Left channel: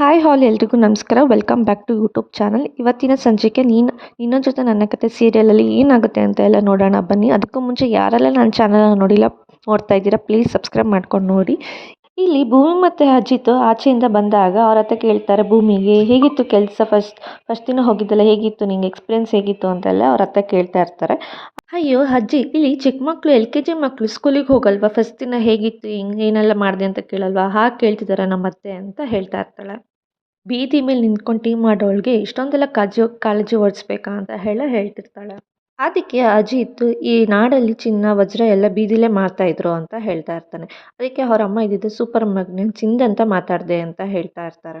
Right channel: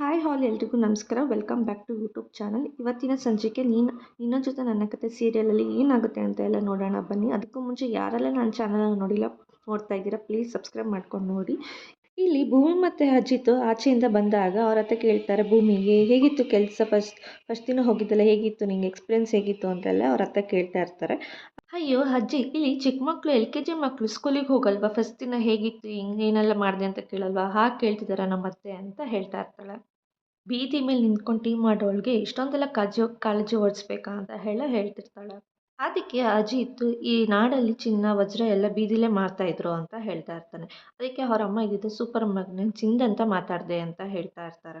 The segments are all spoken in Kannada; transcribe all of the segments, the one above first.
ಹಾಯ್ ಹಾಲ್ ಎಲ್ರಿಗೂ ನಮಸ್ಕಾರ. Welcome back to YouTube channel. ಇವತ್ತಿನ ಸಂಚಿಕೆ ನಿನ್ನ ಜೊತೆ ನನ್ನ ಕತೆ ಸೀರಿಯಲಲ್ಲಿ ಏನಾಗುತ್ತೆ ಅಂತ ಎಲ್ಲ ನೋಡೋಣ ಬನ್ನಿ. ಅದಕ್ಕೂ ಮುಂಚೆ ಯಾರೆಲ್ಲ ನನ್ನ ಚಾನಲ್ನ ನೋಡ್ತಾ ಇದ್ದೀರಾ ಪ್ಲೀಸ್ ಸಬ್ಸ್ಕ್ರೈಬ್ ಮಾಡ್ಕೊಂಡು ನೋಡಿ. ಇಲ್ಲಿ ಭೂಮಿ ಮತ್ತು ಅಜಿತ್ ಆಚೆಯಿಂದ ಬಂದಾಗ ಅವ್ರ ಹತ್ರ ಕೇಳ್ತಾರೆ ಭೂಮಿಗೆ ಹೇಗಿತ್ತು ಕೆಲಸ, ಫಸ್ಟ್ ದಿನ ಹೋಗಿದ್ದಲ್ಲ ಹೇಗಿತ್ತು, ನಿಂಗೆ ಎಕ್ಸ್ಪೀರಿಯನ್ಸ್ ಹೇಗಿತ್ತು ಅಂತೆಲ್ಲ ಅವ್ರ ಹತ್ರ ಕೇಳ್ತಾ ಇರ್ತಾರೆ. ಅಯ್ಯೋ ಅಜ್ಜಿ, ಇಲ್ಲಿ ಚಿಕ್ಕ ಮಕ್ಕಳು LKG ಮಕ್ಕಳು ಸ್ಕೂಲಿಗೆ ಹೋಗಲ್ವಾ, ಫಸ್ಟ್ ದಿನ ಹೇಗಿತ್ತು ಹಿಂಗೆ ಏನೆಲ್ಲ ಮಾಡಿದೆ ಅಂತ ಕೇಳಲ್ವಾ, ಹಾಗೆ ಕೇಳ್ತಿದ್ದಾರೆ ನಮ್ಮ ಅತ್ತೆ ಅಂತ ಹೇಳ್ತಾ ಇರ್ತಾಳೆ. ಬೀದಿ ಮೇಲೆ ನಿಂತ್ಕೊಂಡು ಟೀ ಮಾಡೋಳಿಗೆ ಇಷ್ಟೊಂದೆಲ್ಲ ಕಾಳಜಿ ಓಡಿಸ್ಬೇಕಾ ಅಂತ ಹೇಳ್ತಿರ್ತಾಳೆ. ಅದಕ್ಕೆ ಅಜಿತ್ ಈ ನಾಡಲ್ಲಿ ಚಿನ್ನ ವಜ್ರ ಎಲ್ಲ ಬೀದಿಲೇ ಇದ್ರು ಅಂತ ಹೇಳ್ತಾ ಇರ್ತಾನೆ. ಅದಕ್ಕೆ ಅವ್ರ ಅಮ್ಮ ಇದ್ದಿದ್ದು ಸೂಪರ್ ಮಗ್ನೆ ಚಿಂದಂತ ಮಾತಾಡಿದೆ ಅಂತ ಹೇಳ್ತಾ ಇರ್ತಾರೆ.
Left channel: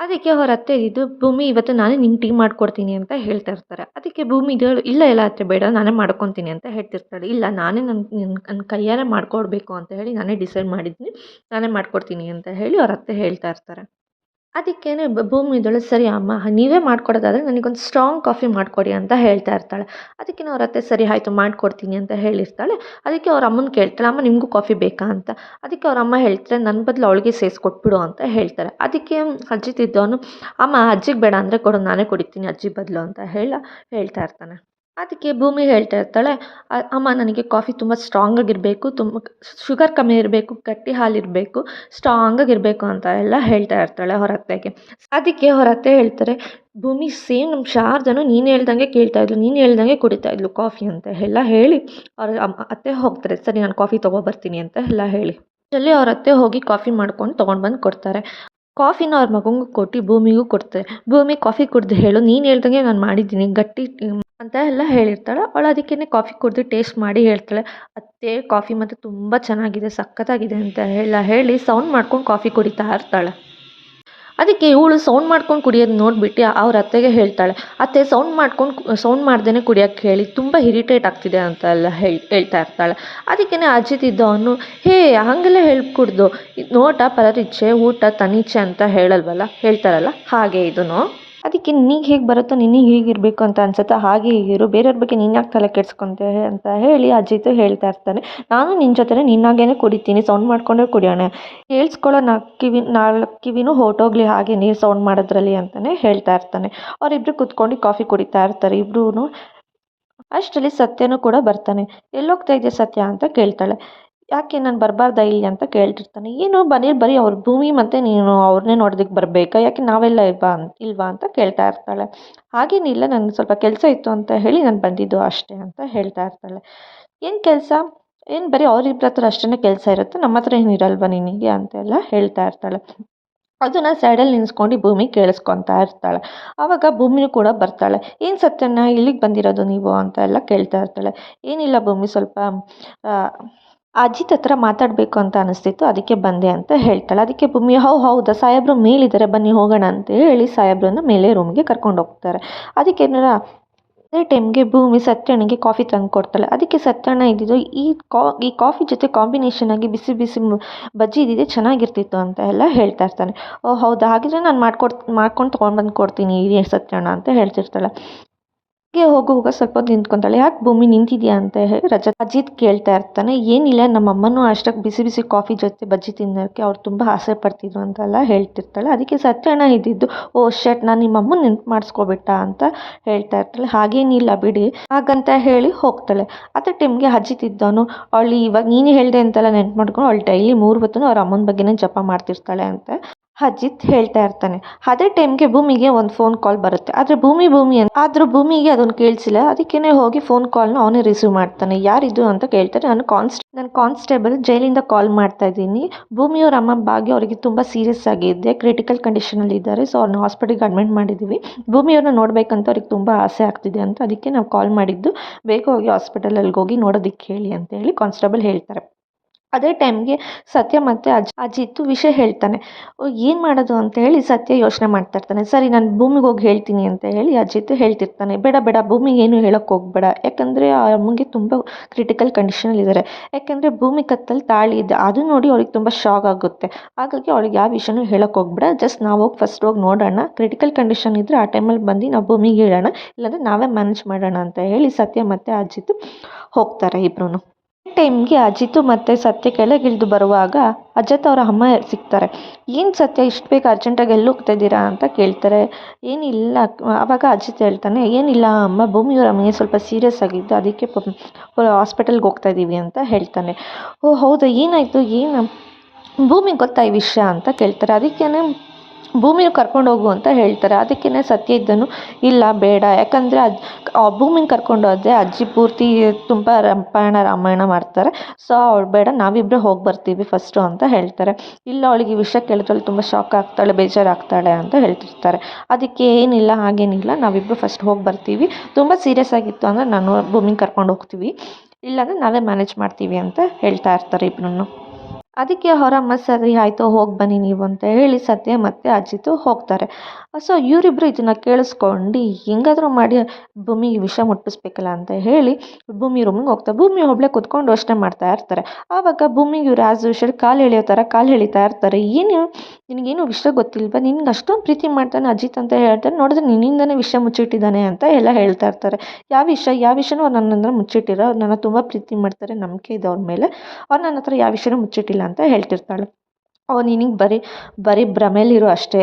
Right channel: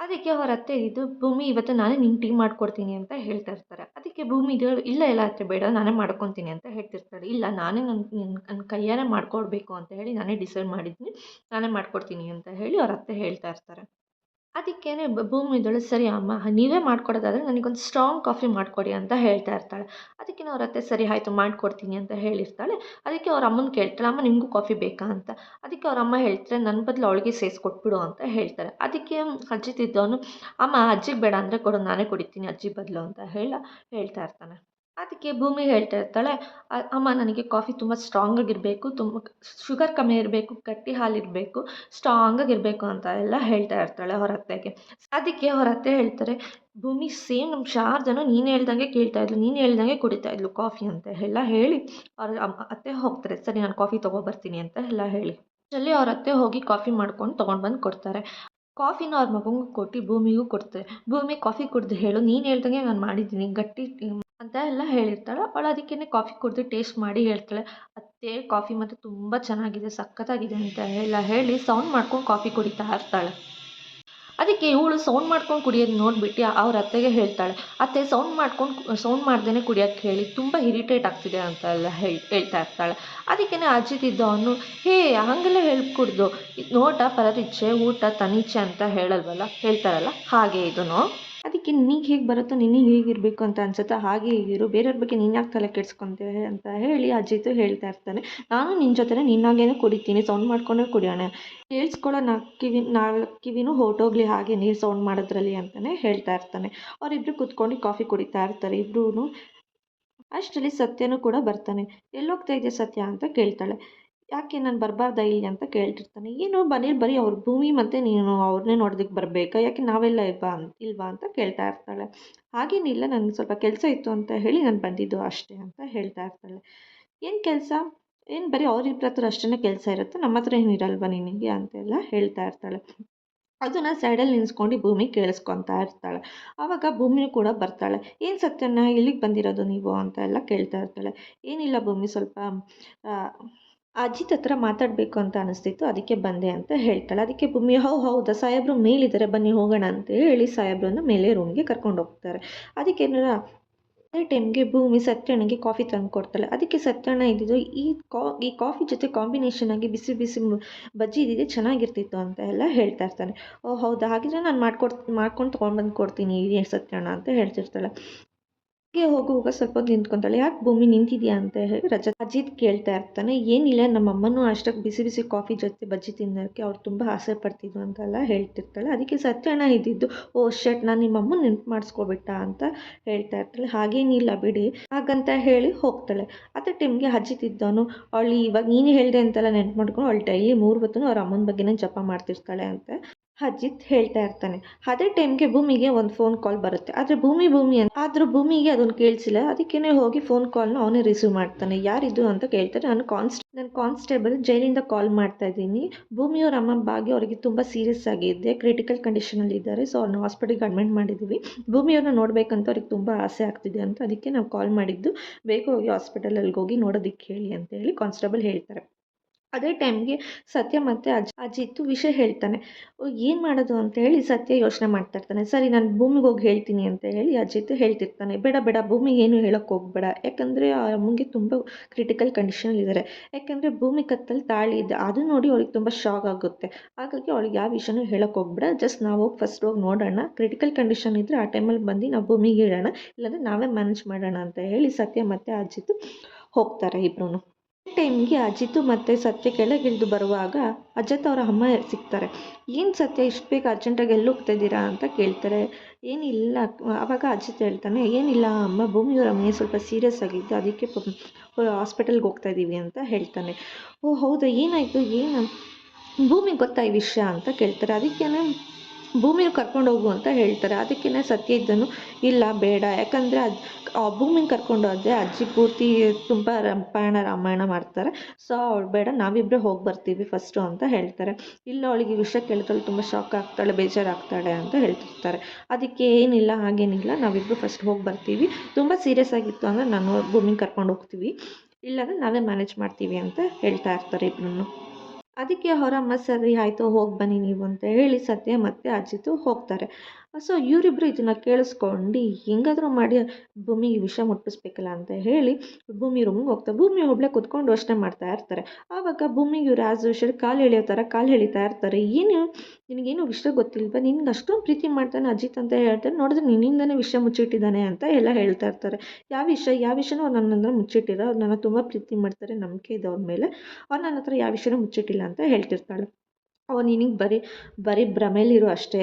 ಅದಕ್ಕೆ ಅವ್ರ ಅತ್ತೆ ಇದ್ದು ಭೂಮಿ ಇವತ್ತು ನಾನೇ ನಿಂಗೆ ಟೀ ಮಾಡ್ಕೊಡ್ತೀನಿ ಅಂತ ಹೇಳ್ತಾ ಇರ್ತಾರೆ. ಅದಕ್ಕೆ ಭೂಮಿ ಇದ್ದಳು ಇಲ್ಲ ಎಲ್ಲ ಅತ್ತೆ ಬೇಡ ನಾನೇ ಮಾಡ್ಕೊತೀನಿ ಅಂತ ಹೇಳ್ತಿರ್ತಾಳೆ. ಇಲ್ಲ ನಾನೇ ನನ್ನ ಕೈಯಾರೆ ಮಾಡ್ಕೊಡ್ಬೇಕು ಅಂತ ಹೇಳಿ ನಾನೇ ಡಿಸೈಡ್ ಮಾಡಿದ್ದೀನಿ, ನಾನೇ ಮಾಡ್ಕೊಡ್ತೀನಿ ಅಂತ ಹೇಳಿ ಅವ್ರ ಅತ್ತೆ ಹೇಳ್ತಾ ಇರ್ತಾರೆ. ಅದಕ್ಕೇನೆ ಭೂಮಿ ಇದ್ದಳು ಸರಿ ಅಮ್ಮ ನೀವೇ ಮಾಡ್ಕೊಡೋದಾದರೆ ನನಗೊಂದು ಸ್ಟ್ರಾಂಗ್ ಕಾಫಿ ಮಾಡಿಕೊಡಿ ಅಂತ ಹೇಳ್ತಾ ಇರ್ತಾಳೆ. ಅದಕ್ಕೆ ಅವ್ರ ಅತ್ತೆ ಸರಿ ಆಯಿತು ಮಾಡಿಕೊಡ್ತೀನಿ ಅಂತ ಹೇಳಿರ್ತಾಳೆ. ಅದಕ್ಕೆ ಅವ್ರ ಅಮ್ಮನ ಕೇಳ್ತಾಳೆ ಅಮ್ಮ ನಿಮಗೂ ಕಾಫಿ ಬೇಕಾ ಅಂತ. ಅದಕ್ಕೆ ಅವ್ರ ಅಮ್ಮ ಹೇಳ್ತಾರೆ ನನ್ನ ಬದಲು ಅವಳಿಗೆ ಸೇರಿಸ್ಕೊಟ್ಬಿಡು ಅಂತ ಹೇಳ್ತಾರೆ. ಅದಕ್ಕೆ ಅಜ್ಜಿತ್ ಇದ್ದವನು ಅಮ್ಮ ಅಜ್ಜಿಗೆ ಬೇಡ ಅಂದರೆ ಕೊಡು ನಾನೇ ಕುಡಿತೀನಿ ಅಜ್ಜಿ ಬದಲು ಅಂತ ಹೇಳ್ತಾ ಇರ್ತಾನೆ. ಅದಕ್ಕೆ ಭೂಮಿ ಹೇಳ್ತಾ ಇರ್ತಾಳೆ ಅಮ್ಮ ನನಗೆ ಕಾಫಿ ತುಂಬ ಸ್ಟ್ರಾಂಗಾಗಿರಬೇಕು, ತುಂಬ ಶುಗರ್ ಕಮ್ಮಿ ಇರಬೇಕು, ಗಟ್ಟಿ ಹಾಲಿರಬೇಕು, ಸ್ಟ್ರಾಂಗಾಗಿರಬೇಕು ಅಂತ ಎಲ್ಲ ಹೇಳ್ತಾ ಇರ್ತಾಳೆ ಅವ್ರ ಅತ್ತೆಗೆ. ಅದಕ್ಕೆ ಅವ್ರ ಅತ್ತೆ ಹೇಳ್ತಾರೆ ಭೂಮಿ ಸೇಮ್ ನಮ್ಮ ಶಾರದನು ನೀನು ಹೇಳ್ದಂಗೆ ಕೇಳ್ತಾ ಇದ್ಲು, ನೀನು ಹೇಳ್ದಂಗೆ ಕುಡಿತಾ ಇದ್ಲು ಕಾಫಿ ಅಂತ ಎಲ್ಲ ಹೇಳಿ ಅವ್ರ ಅತ್ತೆ ಹೋಗ್ತಾರೆ. ಸರಿ ನಾನು ಕಾಫಿ ತೊಗೊಬರ್ತೀನಿ ಅಂತ ಎಲ್ಲ ಹೇಳಿ ಅಲ್ಲಿ ಅವ್ರ ಅತ್ತೆ ಹೋಗಿ ಕಾಫಿ ಮಾಡ್ಕೊಂಡು ತೊಗೊಂಡು ಬಂದು ಕೊಡ್ತಾರೆ. ಕಾಫಿನ ಅವ್ರ ಮಗನಿಗೂ ಕೊಟ್ಟು ಭೂಮಿಗೂ ಕೊಡ್ತಾರೆ. ಭೂಮಿ ಕಾಫಿ ಕುಡ್ದು ಹೇಳು ನೀನು ಹೇಳ್ದಂಗೆ ನಾನು ಮಾಡಿದ್ದೀನಿ ಗಟ್ಟಿ ಅಂತ ಎಲ್ಲ ಹೇಳಿರ್ತಾಳೆ. ಅವಳು ಅದಕ್ಕೇ ಕಾಫಿ ಕುಡಿದು ಟೇಸ್ಟ್ ಮಾಡಿ ಹೇಳ್ತಾಳೆ ಅತ್ತೆ ಕಾಫಿ ಮತ್ತು ತುಂಬ ಚೆನ್ನಾಗಿದೆ ಸಖತ್ತಾಗಿದೆ ಅಂತ ಹೇಳಿ ಸೌಂಡ್ ಮಾಡ್ಕೊಂಡು ಕಾಫಿ ಕುಡಿತಾ ಇರ್ತಾಳೆ. ಅದಕ್ಕೆ ಇವಳು ಸೌಂಡ್ ಮಾಡ್ಕೊಂಡು ಕುಡಿಯೋದು ನೋಡಿಬಿಟ್ಟು ಅವ್ರ ಅತ್ತೆಗೆ ಹೇಳ್ತಾಳೆ ಅತ್ತೆ ಸೌಂಡ್ ಮಾಡ್ದೇ ಕುಡಿಯೋಕ್ಕೆ ಹೇಳಿ ತುಂಬ ಇರಿಟೇಟ್ ಆಗ್ತಿದೆ ಅಂತ ಎಲ್ಲ ಹೇಳ್ತಾ ಇರ್ತಾಳೆ. ಅದಕ್ಕೇ ಅಜಿತ್ ಇದ್ದವನು ಹೇ ಹಾಗೆಲ್ಲ ಹೇಳ್ಕೊಡ್ದು ನೋಟ ಪರರಿಚ್ಛೆ ಊಟ ತನಿಚ್ಛೆ ಅಂತ ಹೇಳ್ತಾರಲ್ಲ ಹಾಗೆ ಇದನ್ನು. ಅದಕ್ಕೆ ನಿನಗೆ ಹೇಗೆ ಬರುತ್ತೋ ನಿನಗೆ ಹೀಗಿರಬೇಕು ಅಂತ ಅನ್ಸುತ್ತೆ ಹಾಗೆ ಹೀಗಿರು, ಬೇರೆಯವ್ರ ಬಗ್ಗೆ ನೀನು ಯಾಕೆ ತಲೆ ಕೆಡ್ಸ್ಕೊಂತೆ ಅಂತ ಹೇಳಿ ಅಜಿತ್ ಹೇಳ್ತಾ ಇರ್ತಾನೆ. ನಾನು ನಿನ್ನ ಜೊತೆ ನಿನ್ನಾಗೇನೆ ಕುಡಿತೀನಿ, ಸೌಂಡ್ ಮಾಡ್ಕೊಂಡೇ ಕುಡಿಯೋಣ, ಕೇಳಿಸ್ಕೊಳ್ಳೋ ನಾಲ್ಕು ಕಿವಿನೂ ಹೊರಟೋಗ್ಲಿ ಹಾಗೆ ನೀರು ಸೌಂಡ್ ಮಾಡೋದ್ರಲ್ಲಿ ಅಂತಲೇ ಹೇಳ್ತಾ ಇರ್ತಾನೆ. ಅವರಿಬ್ಬರು ಕುತ್ಕೊಂಡು ಕಾಫಿ ಕುಡಿತಾ ಇರ್ತಾರೆ ಇಬ್ಬರೂ. ಅಷ್ಟರಲ್ಲಿ ಸತ್ಯನೂ ಕೂಡ ಬರ್ತಾನೆ. ಎಲ್ಲೋಗ್ತಾ ಇದೆಯಾ ಸತ್ಯ ಅಂತ ಕೇಳ್ತಾಳೆ. ಯಾಕೆ ನಾನು ಬರಬಾರ್ದಾ ಇಲ್ಲಿ ಅಂತ ಕೇಳ್ತಿರ್ತಾನೆ. ಏನು ಬರೀ ಅವ್ರ ಭೂಮಿ ಮತ್ತು ನೀನು ಅವ್ರನ್ನೇ ನೋಡೋದಕ್ಕೆ ಬರಬೇಕಾ, ಯಾಕೆ ನಾವೆಲ್ಲ ಇಲ್ವಾ ಅಂತ ಕೇಳ್ತಾ ಇರ್ತಾಳೆ. ಹಾಗೇನಿಲ್ಲ ನನಗೆ ಸ್ವಲ್ಪ ಕೆಲಸ ಇತ್ತು ಅಂತ ಹೇಳಿ ನಾನು ಬಂದಿದ್ದು ಅಷ್ಟೇ ಅಂತ ಹೇಳ್ತಾ ಇರ್ತಾಳೆ. ಏನು ಕೆಲಸ, ಏನು ಬರೀ ಅವ್ರಿಬ್ಬರ ಹತ್ರ ಅಷ್ಟೇ ಕೆಲಸ ಇರುತ್ತೆ, ನಮ್ಮ ಹತ್ರ ಏನಿರಲ್ವಾ ನಿನಗೆ ಅಂತೆಲ್ಲ ಹೇಳ್ತಾ ಇರ್ತಾಳೆ. ಅದನ್ನು ಸೈಡಲ್ಲಿ ನಿಲ್ಲಿಸ್ಕೊಂಡು ಭೂಮಿ ಕೇಳಿಸ್ಕೊತಾ ಇರ್ತಾಳೆ. ಆವಾಗ ಭೂಮಿಯೂ ಕೂಡ ಬರ್ತಾಳೆ. ಏನು ಸತ್ಯನ ಇಲ್ಲಿಗೆ ಬಂದಿರೋದು ನೀವು ಅಂತ ಎಲ್ಲ ಕೇಳ್ತಾ ಇರ್ತಾಳೆ. ಏನಿಲ್ಲ ಭೂಮಿ ಸ್ವಲ್ಪ ಅಜಿತ್ ಹತ್ರ ಮಾತಾಡಬೇಕು ಅಂತ ಅನಿಸ್ತಿತ್ತು ಅದಕ್ಕೆ ಬಂದೆ ಅಂತ ಹೇಳ್ತಾಳೆ. ಅದಕ್ಕೆ ಭೂಮಿ ಹೌದಾ ಸಾಹೇಬ್ರು ಮೇಲಿದ್ದಾರೆ ಬನ್ನಿ ಹೋಗೋಣ ಅಂತ ಹೇಳಿ ಸಾಹೇಬ್ರನ್ನ ಮೇಲೆ ರೂಮ್ಗೆ ಕರ್ಕೊಂಡು ಹೋಗ್ತಾರೆ. ಅದಕ್ಕೆ ಅದೇ ಟೈಮ್ಗೆ ಭೂಮಿ ಸತ್ಯಣ್ಣಗೆ ಕಾಫಿ ತಂದು ಕೊಡ್ತಾಳೆ. ಅದಕ್ಕೆ ಸತ್ಯಣ್ಣ ಇದ್ದಿದ್ದು ಈ ಕಾಫಿ ಜೊತೆ ಕಾಂಬಿನೇಷನ್ ಆಗಿ ಬಿಸಿ ಬಿಸಿ ಬಜ್ಜಿ ಇದ್ದಿದೆ ಚೆನ್ನಾಗಿರ್ತಿತ್ತು ಅಂತ ಎಲ್ಲ ಹೇಳ್ತಾ ಇರ್ತಾನೆ. ಓ ಹೌದಾ ಹಾಗಿದ್ರೆ ನಾನು ಮಾಡ್ಕೊಂಡು ತೊಗೊಂಡು ಕೊಡ್ತೀನಿ ಸತ್ಯಣ್ಣ ಅಂತ ಹೇಳ್ತಿರ್ತಾಳೆ. ಹೋಗುವಾಗ ಸ್ವಲ್ಪ ಹೊತ್ತು ನಿಂತ್ಕೊತಾಳೆ. ಯಾಕೆ ಭೂಮಿ ನಿಂತಿದ್ಯಾ ಅಂತ ಹೇಳಿ ಅಜಿತ್ ಕೇಳ್ತಾ ಇರ್ತಾನೆ. ಏನಿಲ್ಲ ನಮ್ಮ ಅಮ್ಮನೂ ಅಷ್ಟಕ್ಕೆ ಬಿಸಿ ಬಿಸಿ ಕಾಫಿ ಜೊತೆ ಬಜ್ಜಿ ತಿನ್ನೋಕ್ಕೆ ಅವ್ರು ತುಂಬ ಆಸೆ ಪಡ್ತಿದ್ರು ಅಂತೆಲ್ಲ ಹೇಳ್ತಿರ್ತಾಳೆ. ಅದಕ್ಕೆ ಸತ್ಯಣ್ಣ ಇದ್ದಿದ್ದು ಓ ಶಟ್ ನಾನು ನಿಮ್ಮ ಅಮ್ಮನ ನೆನ್ಪು ಮಾಡಿಸ್ಕೊಬಿಟ್ಟ ಅಂತ ಹೇಳ್ತಾ ಇರ್ತಾಳೆ. ಹಾಗೇನಿಲ್ಲ ಬಿಡಿ ಹಾಗಂತ ಹೇಳಿ ಹೋಗ್ತಾಳೆ. ಅದೇ ಟೈಮ್ಗೆ ಅಜಿತ್ ಇದ್ದವನು ಅವಳು ಇವಾಗ ನೀನು ಹೇಳಿದೆ ಅಂತೆಲ್ಲ ನೆನ್ಪು ಮಾಡ್ಕೊಂಡು ಅವಳು ಡೈಲಿ 3 ಹೊತ್ತು ಅವ್ರ ಅಮ್ಮನ ಬಗ್ಗೆನೇ ಜಪ ಮಾಡ್ತಿರ್ತಾಳೆ ಅಂತ ಅಜಿತ್ ಹೇಳ್ತಾ ಇರ್ತಾನೆ. ಅದೇ ಟೈಮ್ಗೆ ಭೂಮಿಗೆ ಒಂದು ಫೋನ್ ಕಾಲ್ ಬರುತ್ತೆ. ಆದರೆ ಆದರೂ ಭೂಮಿಗೆ ಅದನ್ನು ಕೇಳಿಸಿಲ್ಲ. ಅದಕ್ಕೇ ಹೋಗಿ ಫೋನ್ ಕಾಲ್ನ ಅವನೇ ರಿಸೀವ್ ಮಾಡ್ತಾನೆ. ಯಾರಿದು ಅಂತ ಕೇಳ್ತಾರೆ. ನಾನು ಕಾನ್ಸ್ಟೇಬಲ್ ಜೈಲಿಂದ ಕಾಲ್ ಮಾಡ್ತಾ ಇದ್ದೀನಿ. ಭೂಮಿಯವ್ರ ಅಮ್ಮ ಭಾಗ್ಯ ಅವರಿಗೆ ತುಂಬ ಸೀರಿಯಸ್ ಆಗಿದೆ, ಕ್ರಿಟಿಕಲ್ ಕಂಡೀಷನಲ್ಲಿ ಇದ್ದಾರೆ. ಸೊ ಅವ್ರನ್ನ ಹಾಸ್ಪಿಟಲ್ಗೆ ಅಡ್ಮಿಟ್ ಮಾಡಿದ್ದೀವಿ. ಭೂಮಿಯವ್ರನ್ನ ನೋಡಬೇಕಂತ ಅವ್ರಿಗೆ ತುಂಬ ಆಸೆ ಆಗ್ತಿದೆ ಅಂತ ಅದಕ್ಕೆ ನಾವು ಕಾಲ್ ಮಾಡಿದ್ದು, ಬೇಗ ಹೋಗಿ ಹಾಸ್ಪಿಟಲಲ್ಲಿ ಹೋಗಿ ನೋಡೋದಕ್ಕೆ ಹೇಳಿ ಅಂತ ಹೇಳಿ ಕಾನ್ಸ್ಟೇಬಲ್ ಹೇಳ್ತಾರೆ. ಅದೇ ಟೈಮ್ಗೆ ಸತ್ಯ ಮತ್ತು ಅಜಿತ್ ವಿಷಯ ಹೇಳ್ತಾನೆ. ಏನು ಮಾಡೋದು ಅಂತ ಹೇಳಿ ಸತ್ಯ ಯೋಚನೆ ಮಾಡ್ತಾ ಇರ್ತಾನೆ. ಸರಿ ನಾನು ಭೂಮಿಗೆ ಹೋಗಿ ಹೇಳ್ತೀನಿ ಅಂತ ಹೇಳಿ ಅಜಿತ್ ಹೇಳ್ತಿರ್ತಾನೆ. ಬೇಡ ಭೂಮಿಗೆ ಏನು ಹೇಳೋಕ್ಕೆ ಹೋಗಬೇಡ, ಯಾಕಂದರೆ ಆ ಅಮ್ಮಂಗೆ ತುಂಬ ಕ್ರಿಟಿಕಲ್ ಕಂಡೀಷನಲ್ಲಿದ್ದಾರೆ. ಯಾಕಂದರೆ ಭೂಮಿ ಕತ್ತಲ್ಲಿ ತಾಳಿ ಇದೆ, ಅದು ನೋಡಿ ಅವ್ರಿಗೆ ತುಂಬ ಶಾಕ್ ಆಗುತ್ತೆ. ಹಾಗಾಗಿ ಅವಳಿಗೆ ಯಾವ ವಿಷಯನೂ ಹೇಳೋಕ್ಕೆ ಹೋಗಬೇಡ, ಜಸ್ಟ್ ನಾವು ಫಸ್ಟ್ ಹೋಗಿ ನೋಡೋಣ, ಕ್ರಿಟಿಕಲ್ ಕಂಡೀಷನ್ ಇದ್ದರೆ ಆ ಟೈಮಲ್ಲಿ ಬಂದು ನಾವು ಭೂಮಿಗೆ ಹೇಳೋಣ, ಇಲ್ಲಾಂದರೆ ನಾವೇ ಮ್ಯಾನೇಜ್ ಮಾಡೋಣ ಅಂತ ಹೇಳಿ ಸತ್ಯ ಮತ್ತು ಅಜಿತ್ ಹೋಗ್ತಾರೆ ಇಬ್ಬರೂ. ಟೈಮ್ಗೆ ಅಜಿತು ಮತ್ತು ಸತ್ಯ ಕೆಳಗಿಳಿದು ಬರುವಾಗ ಅಜತ್ ಅವರ ಅಮ್ಮ ಸಿಗ್ತಾರೆ. ಏನು ಸತ್ಯ ಇಷ್ಟು ಬೇಗ ಅರ್ಜೆಂಟಾಗಿ ಎಲ್ಲಿ ಹೋಗ್ತಾ ಇದ್ದೀರಾ ಅಂತ ಕೇಳ್ತಾರೆ. ಏನಿಲ್ಲ, ಆವಾಗ ಅಜಿತ್ ಹೇಳ್ತಾನೆ, ಏನಿಲ್ಲ ಅಮ್ಮ, ಭೂಮಿಯವರ ಅಮ್ಮನಿಗೆ ಸ್ವಲ್ಪ ಸೀರಿಯಸ್ ಆಗಿದ್ದು, ಅದಕ್ಕೆ ಹಾಸ್ಪಿಟಲ್ಗೆ ಹೋಗ್ತಾ ಇದ್ದೀವಿ ಅಂತ ಹೇಳ್ತಾನೆ. ಓ ಹೌದಾ, ಏನಾಯಿತು, ಏನು ಭೂಮಿಗೆ ಗೊತ್ತಾ ಈ ವಿಷಯ ಅಂತ ಕೇಳ್ತಾರೆ. ಅದಕ್ಕೇ ಭೂಮಿನ ಕರ್ಕೊಂಡು ಹೋಗು ಅಂತ ಹೇಳ್ತಾರೆ. ಅದಕ್ಕೇ ಸತ್ಯ ಇದ್ದನು, ಇಲ್ಲ ಬೇಡ, ಯಾಕಂದರೆ ಭೂಮಿನ ಕರ್ಕೊಂಡು ಹೋದರೆ ಅಜ್ಜಿ ಪೂರ್ತಿ ತುಂಬ ರಾಮಾಯಣ ಮಾಡ್ತಾರೆ. ಸೊ ಅವಳು ಬೇಡ, ನಾವಿಬ್ಬರೇ ಹೋಗಿ ಬರ್ತೀವಿ ಫಸ್ಟು ಅಂತ ಹೇಳ್ತಾರೆ. ಇಲ್ಲ, ಅವಳಿಗೆ ಈ ವಿಷಯ ಕೇಳಿದ್ರೆ ತುಂಬ ಶಾಕ್ ಆಗ್ತಾಳೆ, ಬೇಜಾರಾಗ್ತಾಳೆ ಅಂತ ಹೇಳ್ತಿರ್ತಾರೆ. ಅದಕ್ಕೆ ಏನಿಲ್ಲ, ಹಾಗೇನಿಲ್ಲ, ನಾವಿಬ್ಬರು ಫಸ್ಟ್ ಹೋಗಿ ಬರ್ತೀವಿ, ತುಂಬ ಸೀರಿಯಸ್ ಆಗಿತ್ತು ಅಂದರೆ ನಾನು ಭೂಮಿನ ಕರ್ಕೊಂಡು ಹೋಗ್ತೀವಿ, ಇಲ್ಲಾಂದರೆ ನಾವೇ ಮ್ಯಾನೇಜ್ ಮಾಡ್ತೀವಿ ಅಂತ ಹೇಳ್ತಾ ಇರ್ತಾರೆ ಇಬ್ಬರನ್ನು. ಅದಕ್ಕೆ ಅವರಮ್ಮ ಸರಿ ಆಯಿತು, ಹೋಗಿ ಬನ್ನಿ ನೀವು ಅಂತ ಹೇಳಿ ಸತ್ಯ ಮತ್ತು ಅಜಿತು ಹೋಗ್ತಾರೆ. ಸೊ ಇವರಿಬ್ಬರು ಇದನ್ನು ಕೇಳಿಸ್ಕೊಂಡು ಹೆಂಗಾದರೂ ಮಾಡಿ ಭೂಮಿಗೆ ವಿಷ ಮುಟ್ಟಿಸ್ಬೇಕಲ್ಲ ಅಂತ ಹೇಳಿ ಭೂಮಿ ರೂಮಿಗೆ ಹೋಗ್ತಾರೆ. ಭೂಮಿ ಒಬ್ಬಳೇ ಕೂತ್ಕೊಂಡು ಯೋಚನೆ ಮಾಡ್ತಾ ಇರ್ತಾರೆ. ಆವಾಗ ಭೂಮಿಗೆ ಇವ್ರು ಆ್ಯಸ್ ಯೂಶುವಲ್ ಕಾಲು ಎಳೆಯೋ ಥರ ಕಾಲು ಎಳಿತಾ ಇರ್ತಾರೆ. ಏನು ನಿನಗೇನು ವಿಷಯ ಗೊತ್ತಿಲ್ವಾ, ನಿನ್ಗೆ ಅಷ್ಟೊಂದು ಪ್ರೀತಿ ಮಾಡ್ತಾನೆ ಅಜಿತ್ ಅಂತ ಹೇಳ್ತಾರೆ, ನೋಡಿದ್ರೆ ನಿನ್ನಿಂದನೇ ವಿಷಯ ಮುಚ್ಚಿಟ್ಟಿದ್ದಾನೆ ಅಂತ ಎಲ್ಲ ಹೇಳ್ತಾ ಇರ್ತಾರೆ. ಯಾವ ವಿಷಯನೂ ಅವ್ರು ನನ್ನ ಹತ್ರ ಮುಚ್ಚಿಟ್ಟಿರೋ, ಅವ್ರು ನನ್ನ ತುಂಬ ಪ್ರೀತಿ ಮಾಡ್ತಾರೆ, ನಂಬಿಕೆ ಇದೆ ಅವ್ರ ಮೇಲೆ, ಅವ್ರು ನನ್ನ ಹತ್ರ ಯಾವ ವಿಷಯನೂ ಮುಚ್ಚಿಟ್ಟಿಲ್ಲ ಅಂತ ಹೇಳ್ತಿರ್ತಾಳೆ. ನಿನಗೆ ಬರೀ ಭ್ರಮೇಲಿರು ಅಷ್ಟೇ,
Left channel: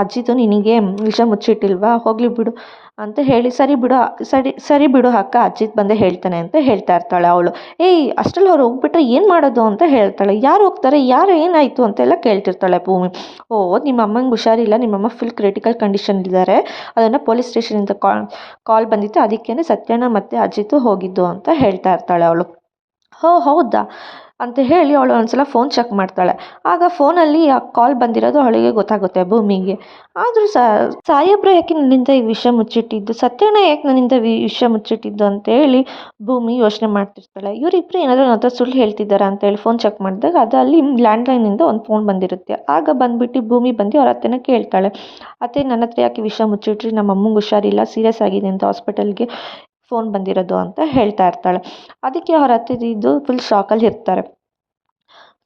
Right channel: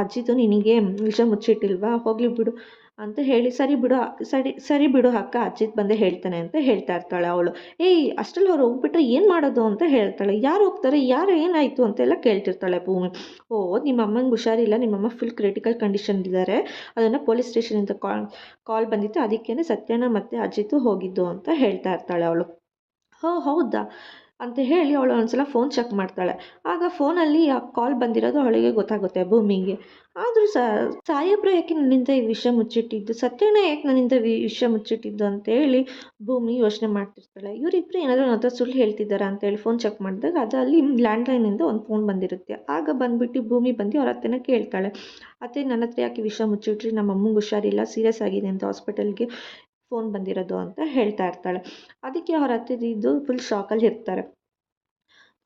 ಅಜ್ಜಿತು ನಿನಗೆ ವಿಷ ಮುಚ್ಚಿಟ್ಟಿಲ್ವಾ, ಹೋಗಲಿ ಬಿಡು ಅಂತ ಹೇಳಿ, ಸರಿ ಬಿಡು ಅಕ್ಕ, ಅಜ್ಜಿತ್ ಬಂದೇ ಹೇಳ್ತಾನೆ ಅಂತ ಹೇಳ್ತಾ ಇರ್ತಾಳೆ ಅವಳು. ಅಷ್ಟರಲ್ಲಿ ಅವ್ರು ಹೋಗ್ಬಿಟ್ರೆ ಏನು ಮಾಡೋದು ಅಂತ ಹೇಳ್ತಾಳೆ. ಯಾರು ಹೋಗ್ತಾರೆ, ಯಾರು ಏನಾಯಿತು ಅಂತೆಲ್ಲ ಕೇಳ್ತಿರ್ತಾಳೆ ಭೂಮಿ. ನಿಮ್ಮ ಅಮ್ಮಂಗೆ ಹುಷಾರಿಲ್ಲ, ನಿಮ್ಮಮ್ಮ ಫುಲ್ ಕ್ರಿಟಿಕಲ್ ಕಂಡೀಷನ್ ಇದ್ದಾರೆ, ಅದನ್ನು ಪೊಲೀಸ್ ಸ್ಟೇಷನಿಂದ ಕಾಲ್ ಬಂದಿತ್ತು, ಅದಕ್ಕೇ ಸತ್ಯಣ್ಣ ಮತ್ತು ಅಜಿತು ಹೋಗಿದ್ದು ಅಂತ ಹೇಳ್ತಾ ಇರ್ತಾಳೆ ಅವಳು. ಹೌದಾ ಅಂತ ಹೇಳಿ ಅವಳು ಒಂದ್ಸಲ ಫೋನ್ ಚೆಕ್ ಮಾಡ್ತಾಳೆ. ಆಗ ಫೋನಲ್ಲಿ ಆ ಕಾಲ್ ಬಂದಿರೋದು ಅವಳಿಗೆ ಗೊತ್ತಾಗುತ್ತೆ ಭೂಮಿಗೆ. ಆದರೂ ಸಾಹೇಬ್ರು ಯಾಕೆ ನನ್ನಿಂದ ಈ ವಿಷಯ ಮುಚ್ಚಿಟ್ಟಿದ್ದು, ಸತ್ಯಣ್ಣ ಯಾಕೆ ನನ್ನಿಂದ ವಿಷಯ ಮುಚ್ಚಿಟ್ಟಿದ್ದು ಅಂತೇಳಿ ಭೂಮಿ ಯೋಚನೆ ಮಾಡ್ತಿರ್ತಾಳೆ. ಇವರಿಬ್ಬರು ಏನಾದರೂ ನನ್ನ ಹತ್ರ ಸುಳ್ಳು ಹೇಳ್ತಿದ್ದಾರಾ ಅಂತೇಳಿ ಫೋನ್ ಚೆಕ್ ಮಾಡಿದಾಗ ಅದು ಅಲ್ಲಿ ಲ್ಯಾಂಡ್ಲೈನಿಂದ ಒಂದು ಫೋನ್ ಬಂದಿರುತ್ತೆ. ಆಗ ಬಂದುಬಿಟ್ಟು ಭೂಮಿ ಬಂದು ಅವ್ರ ಅತ್ತೆನ ಕೇಳ್ತಾಳೆ, ಅತ್ತೆ ನನ್ನ ಹತ್ರ ಯಾಕೆ ವಿಷಯ ಮುಚ್ಚಿಟ್ರಿ, ನಮ್ಮ ಅಮ್ಮಂಗೆ ಹುಷಾರಿಲ್ಲ, ಸೀರಿಯಸ್ ಆಗಿದೆ ಅಂತ ಹಾಸ್ಪಿಟಲ್ಗೆ ಫೋನ್ ಬಂದಿರೋದು ಅಂತ ಹೇಳ್ತಾ ಇರ್ತಾಳೆ. ಅದಕ್ಕೆ ಅವ್ರ ಅತ್ತಿದ್ದು ಫುಲ್ ಶಾಕಲ್ಲಿ ಇರ್ತಾರೆ.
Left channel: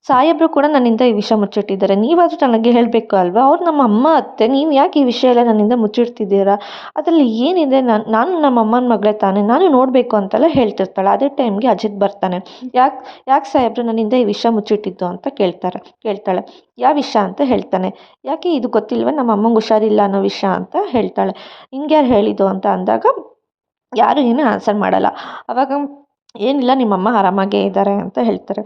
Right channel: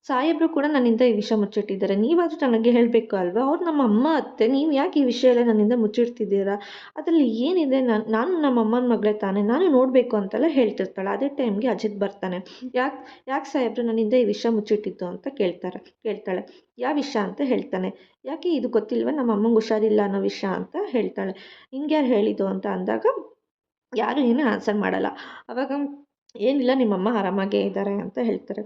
ಸಾಹೇಬರು ಕೂಡ ನನ್ನಿಂದ ಈ ವಿಷಯ ಮುಚ್ಚಿಟ್ಟಿದ್ದಾರೆ, ನೀವಾದರೂ ನನಗೆ ಹೇಳಬೇಕು ಅಲ್ವಾ, ಅವ್ರು ನಮ್ಮ ಅಮ್ಮ ಅತ್ತೆ, ನೀವು ಯಾಕೆ ಈ ವಿಷಯ ಎಲ್ಲ ನನ್ನಿಂದ ಮುಚ್ಚಿಡ್ತಿದ್ದೀರಾ, ಅದರಲ್ಲಿ ಏನಿದೆ, ನಾನು ನಮ್ಮ ಅಮ್ಮನ ಮಗಳೇ ತಾನೇ, ನಾನು ನೋಡಬೇಕು ಅಂತೆಲ್ಲ ಹೇಳ್ತಿರ್ತಾಳೆ. ಅದೇ ಟೈಮ್ಗೆ ಅಜಿತ್ ಬರ್ತಾನೆ. ಯಾಕೆ ಸಾಹೇಬ್ರು ನನ್ನಿಂದ ಈ ವಿಷಯ ಮುಚ್ಚಿಟ್ಟಿದ್ದು ಅಂತ ಕೇಳ್ತಾಳೆ. ಯಾವ ವಿಷಯ ಅಂತ ಹೇಳ್ತಾನೆ. ಯಾಕೆ ಇದು ಗೊತ್ತಿಲ್ವ, ನಮ್ಮ ಅಮ್ಮಂಗೆ ಹುಷಾರಿಲ್ಲ ಅನ್ನೋ ವಿಷಯ ಅಂತ ಹೇಳ್ತಾಳೆ. ನಿಂಗೆ ಯಾರು ಹೇಳಿದ್ದು ಅಂತ ಅಂದಾಗ ಯಾರು ಏನೂ ಆನ್ಸರ್ ಮಾಡಲ್ಲ. ಆವಾಗ ಏನಿಲ್ಲ, ನಿಮ್ಮಮ್ಮ ಆರಾಮಾಗೇ ಇದ್ದಾರೆ ಅಂತ ಹೇಳ್ತಾರೆ.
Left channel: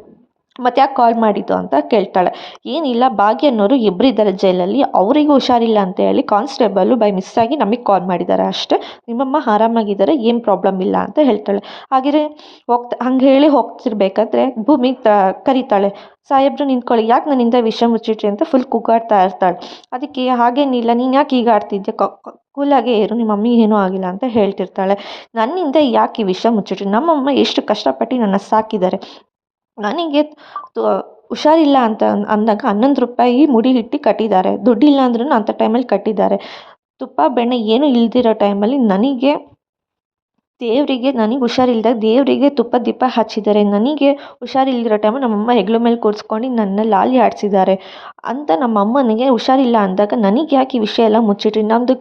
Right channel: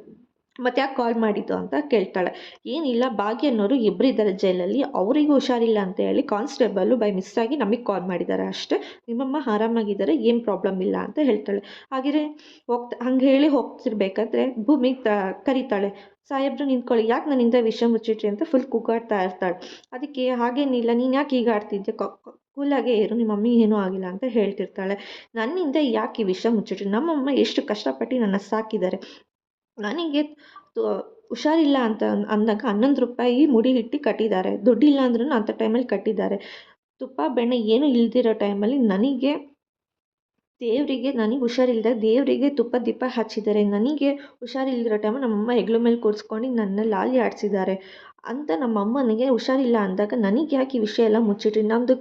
ಮತ್ತು ಯಾಕೆ ಕಾಲ್ ಮಾಡಿದ್ದು ಅಂತ ಕೇಳ್ತಾಳೆ. ಏನಿಲ್ಲ, ಭಾಗ್ಯ ಅನ್ನೋರು ಇಬ್ಬರಿದ್ದಾರೆ ಜೈಲಲ್ಲಿ, ಅವರಿಗೂ ಹುಷಾರಿಲ್ಲ ಅಂತ ಹೇಳಿ ಕಾನ್ಸ್ಟೇಬಲು ಬೈ ಮಿಸ್ಸಾಗಿ ನಮಗೆ ಕಾಲ್ ಮಾಡಿದ್ದಾರೆ ಅಷ್ಟೇ, ನಿಮ್ಮಮ್ಮ ಆರಾಮಾಗಿದ್ದಾರೆ, ಏನು ಪ್ರಾಬ್ಲಮ್ ಇಲ್ಲ ಅಂತ ಹೇಳ್ತಾಳೆ. ಹಾಗೆಯೇ ಹಂಗೆ ಹೇಳಿ ಹೋಗ್ತಿರ್ಬೇಕಾದ್ರೆ ಭೂಮಿ ಕರೀತಾಳೆ, ಸಾಹೇಬ್ರು ನಿಂತ್ಕೊಳ್ಳಿ, ಯಾಕೆ ನನ್ನಿಂದ ವಿಷಯ ಮುಚ್ಚಿಟ್ರಿ ಅಂತ ಫುಲ್ ಕೂಗಾಡ್ತಾ ಇರ್ತಾಳೆ. ಅದಕ್ಕೆ ಹಾಗೇನಿಲ್ಲ, ನೀನು ಯಾಕೆ ಈಗ ಆಡ್ತಿದ್ದೆ, ಕೂಲಾಗೇ ಇರು, ನಿಮ್ಮ ಮಮ್ಮಿಗೆ ಏನೂ ಆಗಿಲ್ಲ ಅಂತ ಹೇಳ್ತಿರ್ತಾಳೆ. ನನ್ನಿಂದ ಯಾಕೆ ಈ ವಿಷಯ ಮುಚ್ಚಿಟ್ರಿ, ನಮ್ಮಮ್ಮ ಎಷ್ಟು ಕಷ್ಟಪಟ್ಟು ನನ್ನ ಸಾಕಿದ್ದಾರೆ, ನನಗೆ ಹುಷಾರಿಲ್ಲ ಅಂತ ಅಂದಾಗ 11 ರೂಪಾಯಿ ಮುಡಿ ಇಟ್ಟು ಕಟ್ಟಿದ್ದಾರೆ, ದುಡ್ಡಿಲ್ಲ ಅಂದ್ರೂ ಅಂಥ ಟೈಮಲ್ಲಿ ಕಟ್ಟಿದ್ದಾರೆ. ತುಪ್ಪ ಬೆಣ್ಣೆ ಏನೂ ಇಲ್ದಿರೋ ಟೈಮಲ್ಲಿ ನನಗೆ ಹುಷಾರಿಲ್ದಾಗ ದೇವರಿಗೆ ತುಪ್ಪ ದೀಪ ಹಚ್ಚಿದ್ದಾರೆ, ನನಗೆ ಹುಷಾರಿಲ್ದಿರೋ ಟೈಮಲ್ಲಿ ನಮ್ಮಮ್ಮ ಹೆಗ್ಲ ಮೇಲೆ ಕೂರಿಸ್ಕೊಂಡು ನನ್ನ ಲಾಲಿ ಆಡಿಸಿದ್ದಾರೆ ಅಂತ ನಮ್ಮ ಅಮ್ಮನಿಗೆ ಹುಷಾರಿಲ್ಲ ಅಂದಾಗ ನನಗೆ ಯಾಕೆ ಈ ವಿಷಯ ಎಲ್ಲ ಮುಚ್ಚಿಟ್ರಿ, ನಮ್ಮದು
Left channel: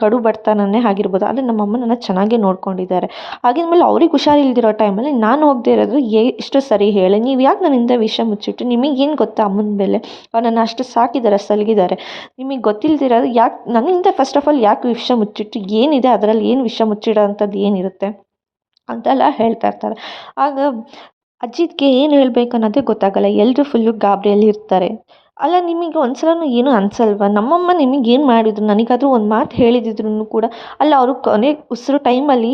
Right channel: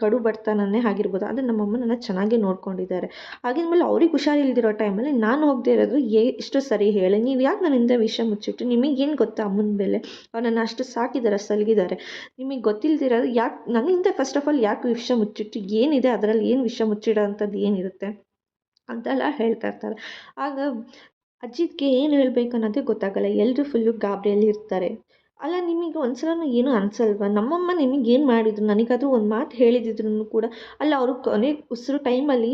ಕಡು ಬಡತನನೇ ಆಗಿರ್ಬೋದು, ಆದರೆ ನಮ್ಮಮ್ಮ ನನ್ನ ಚೆನ್ನಾಗೇ ನೋಡ್ಕೊಂಡಿದ್ದಾರೆ, ಆಗಿದ್ಮೇಲೆ ಅವ್ರಿಗೆ ಹುಷಾರಿಲ್ದಿರೋ ಟೈಮಲ್ಲಿ ನಾನು ಹೋಗದೆ ಇರೋದು ಎಷ್ಟು ಸರಿ ಹೇಳಿ, ನೀವು ಯಾಕೆ ನನ್ನಿಂದ ವಿಷಯ ಮುಚ್ಚಿಟ್ರಿ, ನಿಮಗೇನು ಗೊತ್ತಾ ಅಮ್ಮನ ಮೇಲೆ, ಅವ್ರು ನನ್ನ ಅಷ್ಟು ಸಾಕಿದ್ದಾರೆ, ಸಲಗಿದ್ದಾರೆ, ನಿಮಗೆ ಗೊತ್ತಿಲ್ದಿರೋದು ಯಾಕೆ ನನ್ನಿಂದ ಫಸ್ಟ್ ಆಫ್ ಆಲ್ ಯಾಕೆ ವಿಷಯ ಮುಚ್ಚಿಟ್ರಿ, ಏನಿದೆ ಅದರಲ್ಲಿ, ಏನು ವಿಷಯ ಮುಚ್ಚಿಡೋ ಅಂಥದ್ದು ಏನಿರುತ್ತೆ ಅಂತೆಲ್ಲ ಹೇಳ್ತಾ ಇರ್ತಾರೆ. ಆಗ ಅಜಿತ್ಗೆ ಏನು ಹೇಳಬೇಕು ಅನ್ನೋದೇ ಗೊತ್ತಾಗಲ್ಲ, ಎಲ್ಲರೂ ಫುಲ್ಲು ಗಾಬರಿಯಲ್ಲಿ ಇರ್ತಾರೆ. ಅಲ್ಲ, ನಿಮಗೆ ಒಂದ್ಸಲನೂ ಏನೂ ಅನಿಸಲ್ವಾ, ನಮ್ಮಮ್ಮ ನಿಮಗೇನು ಮಾಡಿದ್ರು, ನನಗಾದರೂ ಒಂದು ಮಾತು ಹೇಳಿದಿದ್ರು ಕೂಡ, ಅಲ್ಲ ಅವರು ಕೊನೆ ಉಸಿರು ಟೈಮಲ್ಲಿ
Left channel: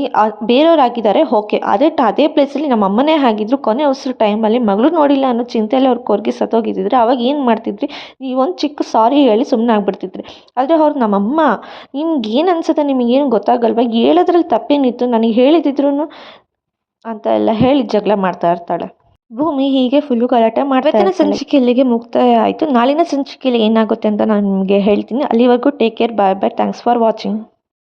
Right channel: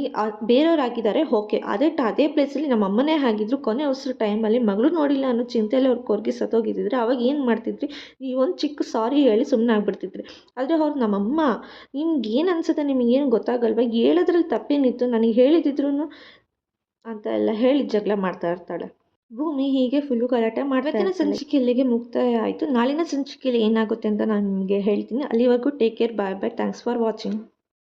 ಬೇರೆಯವ್ರು ಓಕೆ, ಅದೇ ಪ್ಲೇಸಲ್ಲಿ ನಮ್ಮ ಅಮ್ಮನೇ ಆಗಿದ್ರು, ಕೊನೆ ಉಸಿರು ಟೈಮಲ್ಲಿ ಮಗಳು ನೋಡಿಲ್ಲ ಅನ್ನೋ ಚಿಂತೆಯಲ್ಲಿ ಅವ್ರು ಕೊರ್ಗಿ ಸತ್ತೋಗಿದ್ದಿದ್ರೆ ಅವಾಗ ಏನು ಮಾಡ್ತಿದ್ರಿ, ನೀವೊಂದು ಚಿಕ್ಕ ಸಾರಿ ಹೇಳಿ ಸುಮ್ಮನೆ ಆಗ್ಬಿಡ್ತಿದ್ರಿ. ಆದರೆ ಅವ್ರು ನಮ್ಮಮ್ಮ, ನಿಮ್ಗೆ ಏನು ಅನ್ಸುತ್ತೆ, ನಿಮಗೇನು ಗೊತ್ತಾಗಲ್ವ, ಹೇಳೋದ್ರಲ್ಲಿ ತಪ್ಪೇನಿತ್ತು, ನನಗೆ ಹೇಳಿದಿದ್ರು ಅಂತ ಎಲ್ಲ ಹೇಳಿ ಜಗಳ ಮಾಡ್ತಾ ಇರ್ತಾಳೆ. ಭೂಮಿ ಹೀಗೆ ಫುಲ್ಲು ಗಲಾಟೆ ಮಾಡ್ತಾ ಇರ್ತಾಳೆ. ಸಂಚಿಕೆ ಇಲ್ಲಿಗೆ ಮುಕ್ತಾಯ ಆಯಿತು. ನಾಳಿನ ಸಂಚಿಕೆಯಲ್ಲಿ ಏನಾಗುತ್ತೆ ಅಂತ ನಾನು ನಿಮಗೆ ಹೇಳ್ತೀನಿ. ಅಲ್ಲಿವರೆಗೂ take care, bye bye, thanks for watching.